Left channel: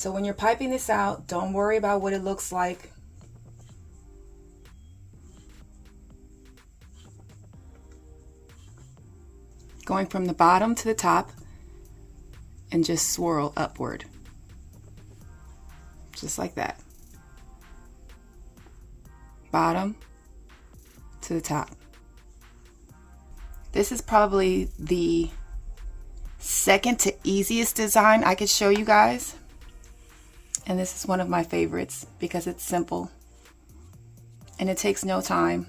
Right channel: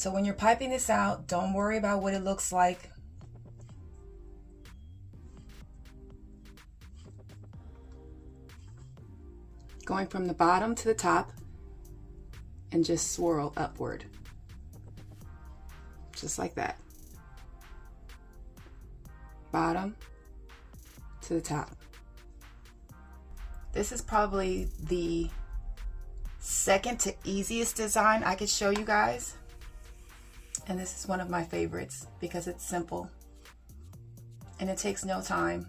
So when you're piping this out, don't worry about what it looks like. Going from the bottom to the top and just swirl upward. Just like that. Bottom to the top. This is probably the second to easiest design I could show you guys. And this is one of my favorites because it's simple and it takes no time.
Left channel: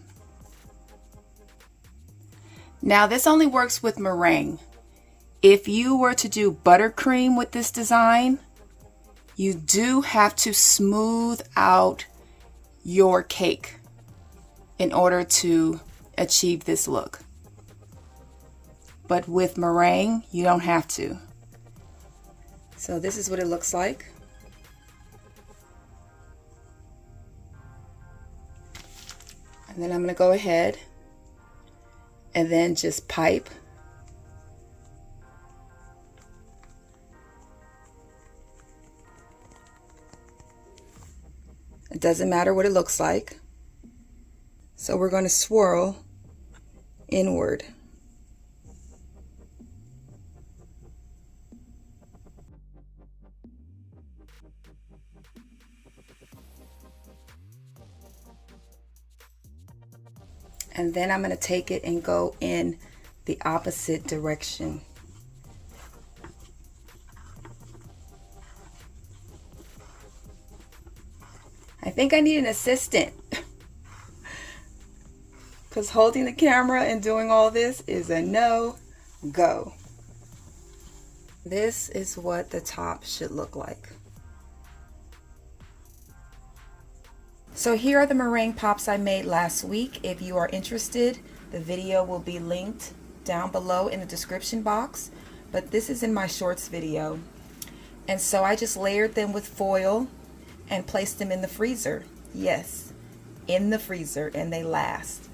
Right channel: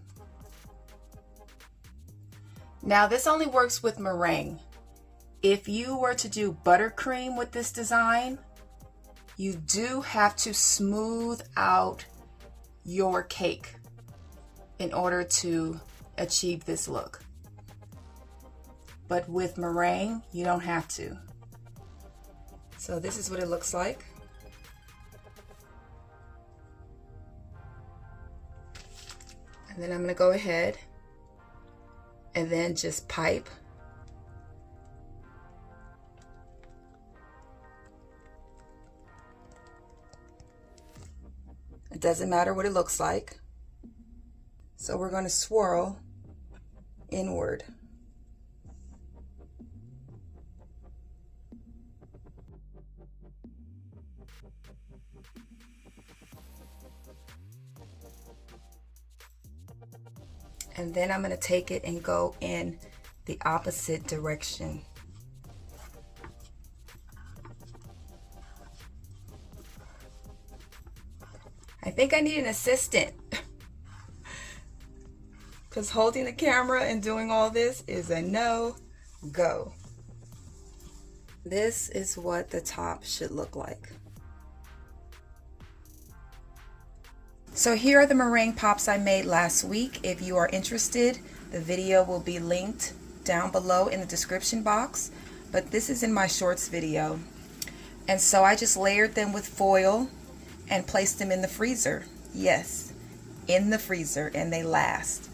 Now this only works with meringue. If you were to do buttercream with this design, you do have to smooth out your cake in order to achieve this look. But with meringue, you don't have to. So this is what it looks like. And then I'm going to go ahead and then just pipe. It doesn't matter what it looks like. So we're going to swirl inward. And then I'm going to take it and go in the opposite direction. I think I need an assistant because holding the camera and doing all this is a no-go. This is what the top should look like. So here are the meringue pops I made last week. If you are interested, the video will be linked down below in the description box, but this is in my shorts video. And so I just layered them with foil and placed them in the freezer. Yes, in the freezer, and they last.